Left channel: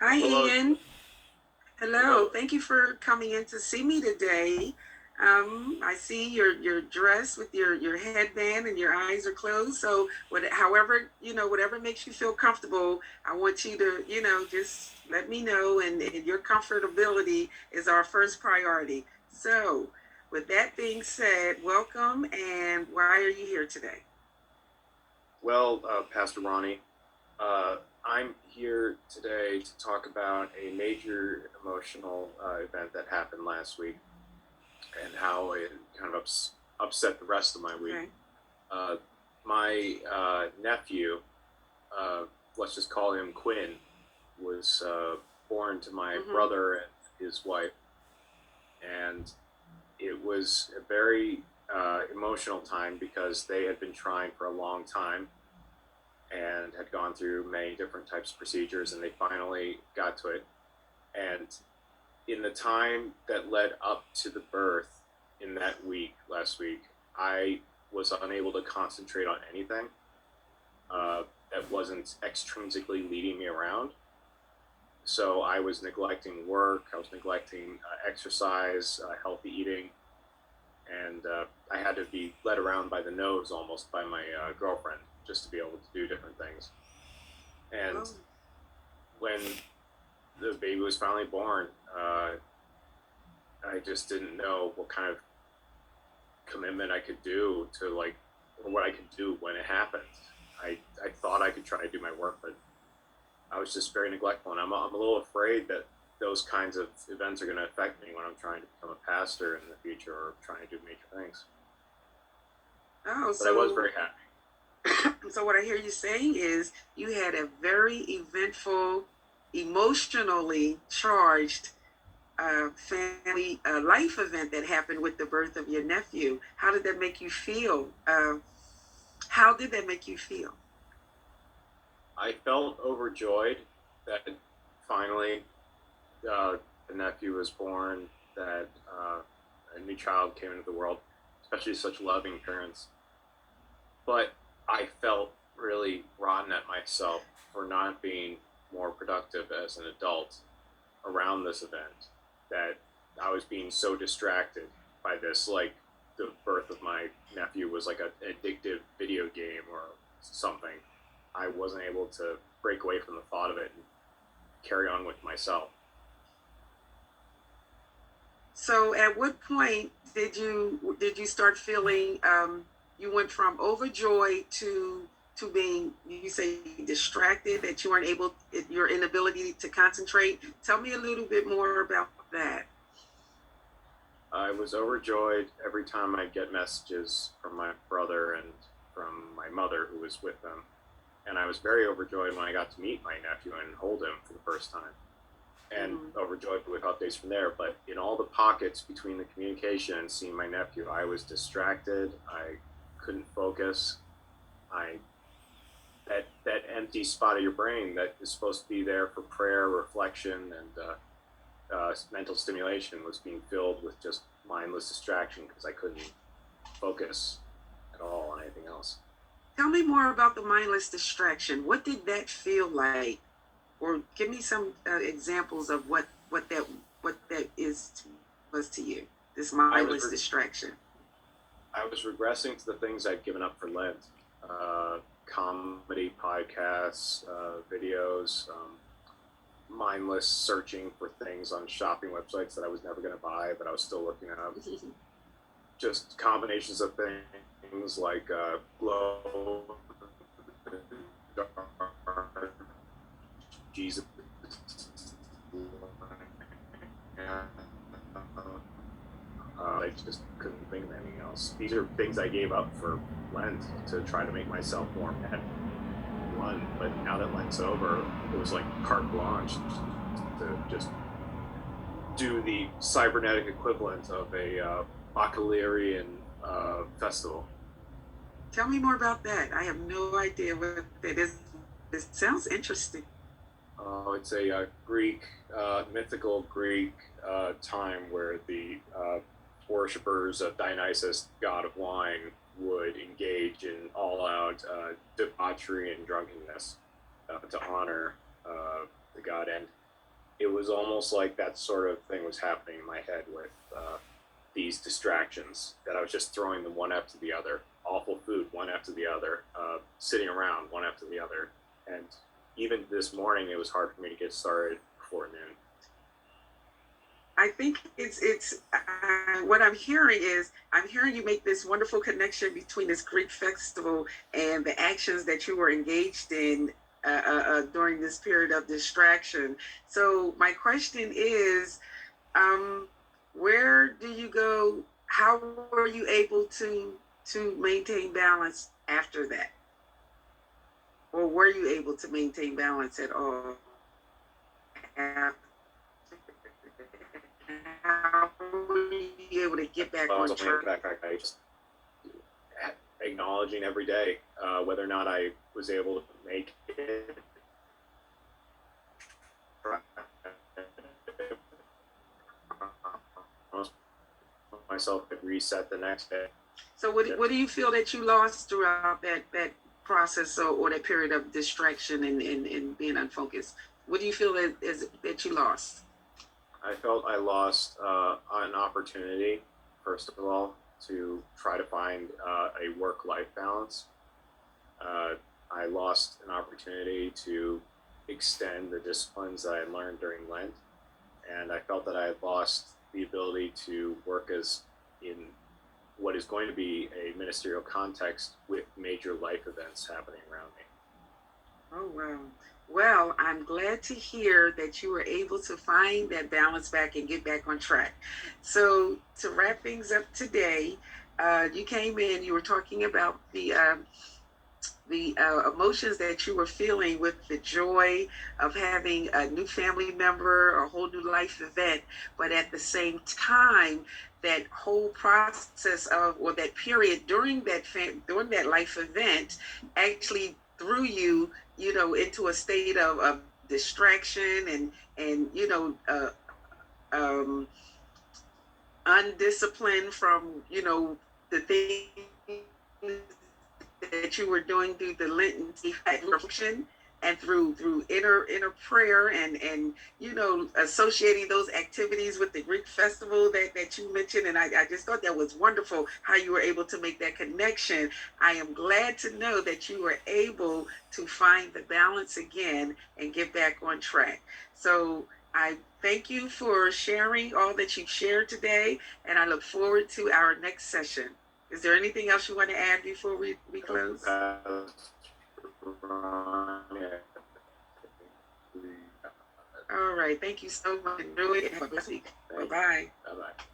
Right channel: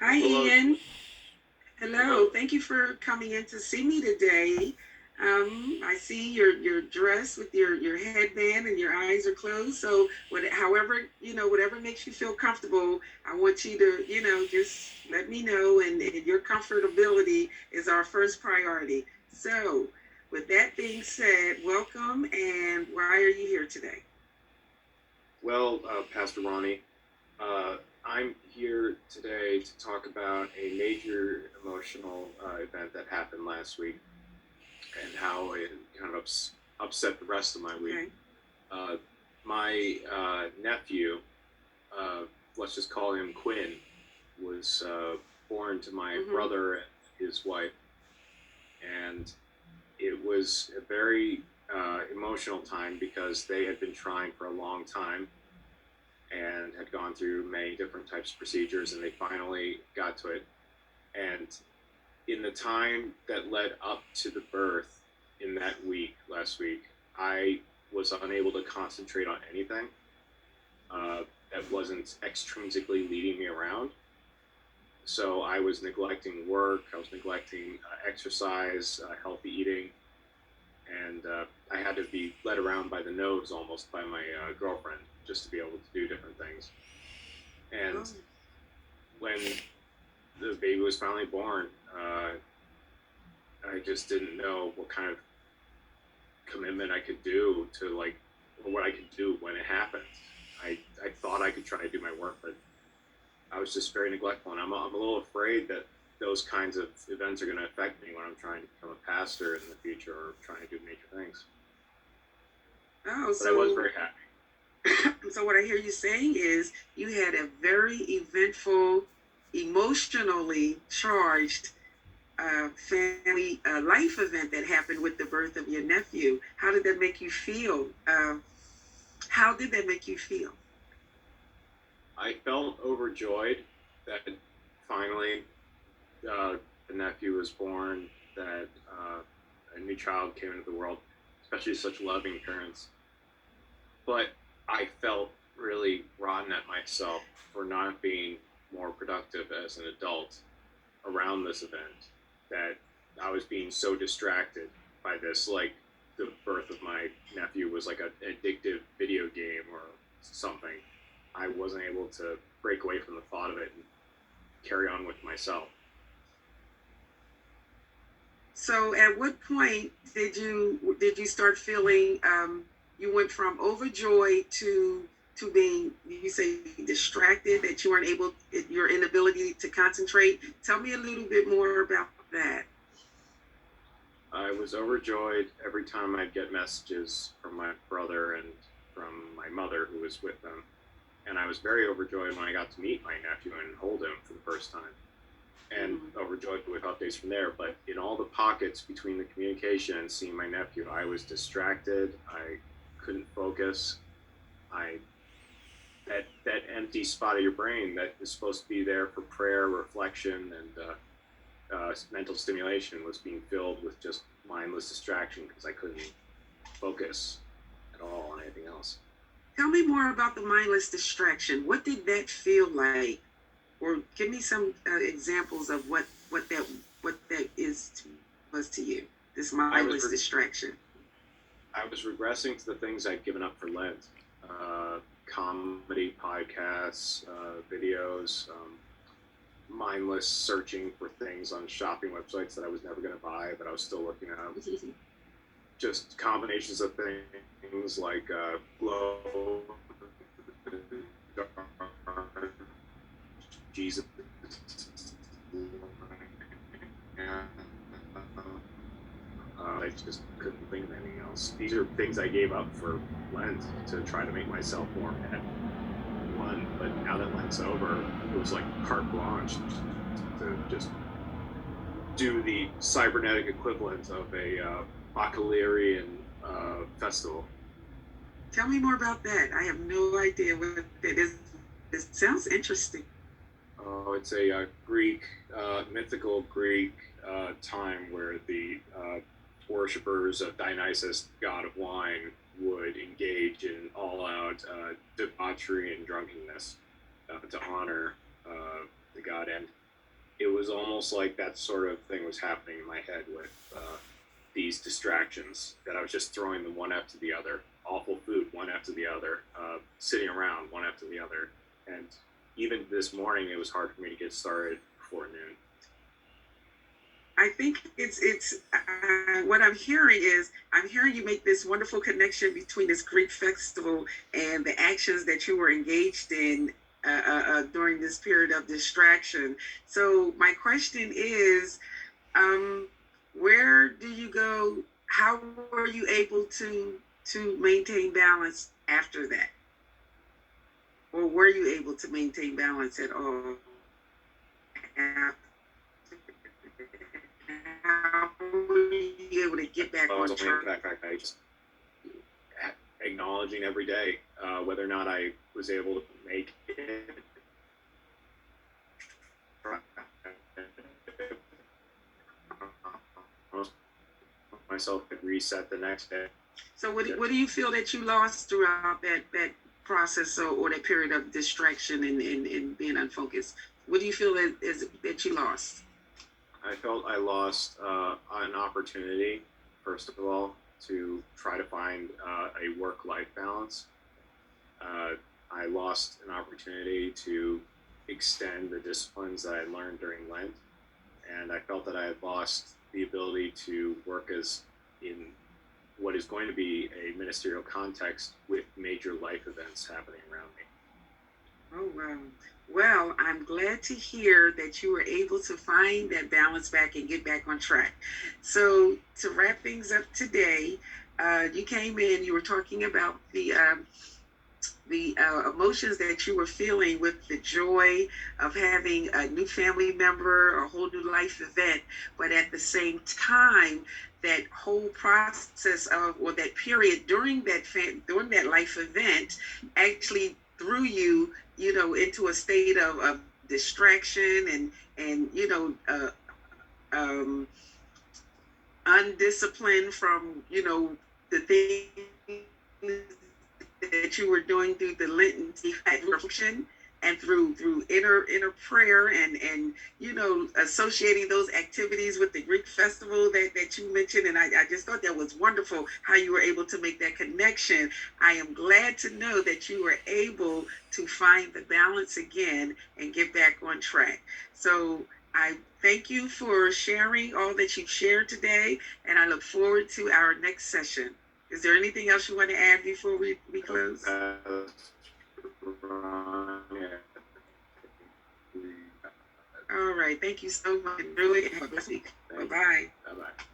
Hi, Hello. Ian. Hello. Hello. Thank you for coming in to see me today. I see your dress with your headband and your eyes are closed. So however, whatever makes you feel comfortable, I want you to, just let me know. And your comfortability is our first priority. So, with that being said, welcome. And why are you here today? Well, Pastor Ronnie, uh, I'm here today to talk about a major emotional event that happened last week and how it kind of upset the rest of my week. Okay. Uh, my nephew, uh, let's just call him Quinn, was born to my Mm-hmm. brother and his wife, and it was a very emotional time because they had been trying for a long time and had gone through many different types of procedures, and they finally got to it. And in the time that led up to the birth in that week, last week, I was unable to concentrate on anything that wasn't extrinsically leading me around. So I was neglecting work, I was neglecting exercise, healthy eating, and I had to be led around by the nose almost by my girlfriend just to be able to do different things. And Oh, when the baby was finally born, I just didn't know what kind of commitment I could do to like, or what I could do when it happened. I thought I could try to do my work, but I was just very neglectful, and I'm a little afraid that those kinds of events are going to affect me when I'm trying to become a pastor in the future or trying to do major things. oh, But I was so very happy. So what I hear you saying is you had a very eventful, emotionally charged family life event that happened with the birth of your nephew. How did that make you feel? How did that make you feel? I felt overjoyed that finally uh, the nephew was born, that a new child came into the world, especially such loving parents. But I felt really rotten at myself for not being more productive as an adult around this event, that I was being so distracted by this. Like, the birth of my nephew was like an addictive video game or something. I wasn't able to break away from the thought of it and carry on with myself. So at what point did you start feeling you went from overjoyed to being, you say, distracted, that you weren't able, your inability to concentrate? Tell me a little bit more about that. I was overjoyed every time I'd get messages from my brother and from my mother, who was with them. And I was very overjoyed when I got to meet my nephew and hold him for the first time, and Mm-hmm. overjoyed with updates from there. But in all the pockets between the communication and seeing my nephew, I was distracted. I couldn't focus. I that empty spot of your brain that is supposed to be there for prayer, reflection, and mental stimulation was being filled with just mindless distraction because I couldn't focus at all on anything else. Tell me more about the mindless distraction. What did that feel like? Or give me some examples of what that was to you. This I was mindless re- distraction. I was regressing to the things I'd given up for Lent. Comedy podcasts, videos, mindless searching for things on shopping websites that I was never going to buy, but I was still looking up. Just combinations of things like glow, dark, Jesus. I just couldn't think of anything else. These are things I gave up for Lent to try to make myself more at one. But now that Lent's over, it was like carte blanche to just do the cybernetic equivalent of a Baccalaurean festival. Tell me more about that. I have no idea what that is. It sounds interesting. It's a Greek, mythical Greek time where the worshippers of Dionysus, god of wine, would engage in all out debauchery and drunkenness to honor the God. And it was almost like that sort of thing was happening in my head with these distractions, that I was just throwing them one after the other. Awful food, one after the other. Sitting around, one after the other. And even this morning, it was hard for me to get started before noon. I think it's what I'm hearing is I'm hearing you make this wonderful connection between this Greek festival and the actions that you were engaged in during this period of distraction. So my question is, um, where do you go? How were you able to maintain balance after that, or were you able to maintain balance at all? After how were you able to get back on track? I just acknowledging every day whether or not I was able to make it. Myself could reset the next day. So what do you feel that you lost throughout that process, or that period of distraction and being unfocused? What do you feel that you lost? I felt I lost an opportunity, first of all, to try to find a work-life balance. I lost an opportunity to extend the disciplines that I learned during Lent, and I felt that I had lost the ability to work as in what is going to be a ministerial context with major life events happening around me. Oh, wow. Well, I'm glad to hear that you were able to find that balance back and get back on track. So, to wrap things up today, you came in, you were talking about the emotions that you were feeling with the joy of having a new family member, a whole new life event, but at the same time, that whole process of, or that period during during that life event actually threw you, into a state of distraction and um, undisciplined from the things that you were doing through the Lenten reflection and through inner prayer and associating those activities with the Greek festival that you mentioned. And I just thought that was wonderful how you were able to make that connection. I am glad to know that you were able to find the balance again and get back on track. So I thank you for sharing all that you've shared today, and I look forward to our next session. Is there anything else you want to add before we close? All right. Thank you so much. Really have a blessed week. Bye-bye. Bye-bye.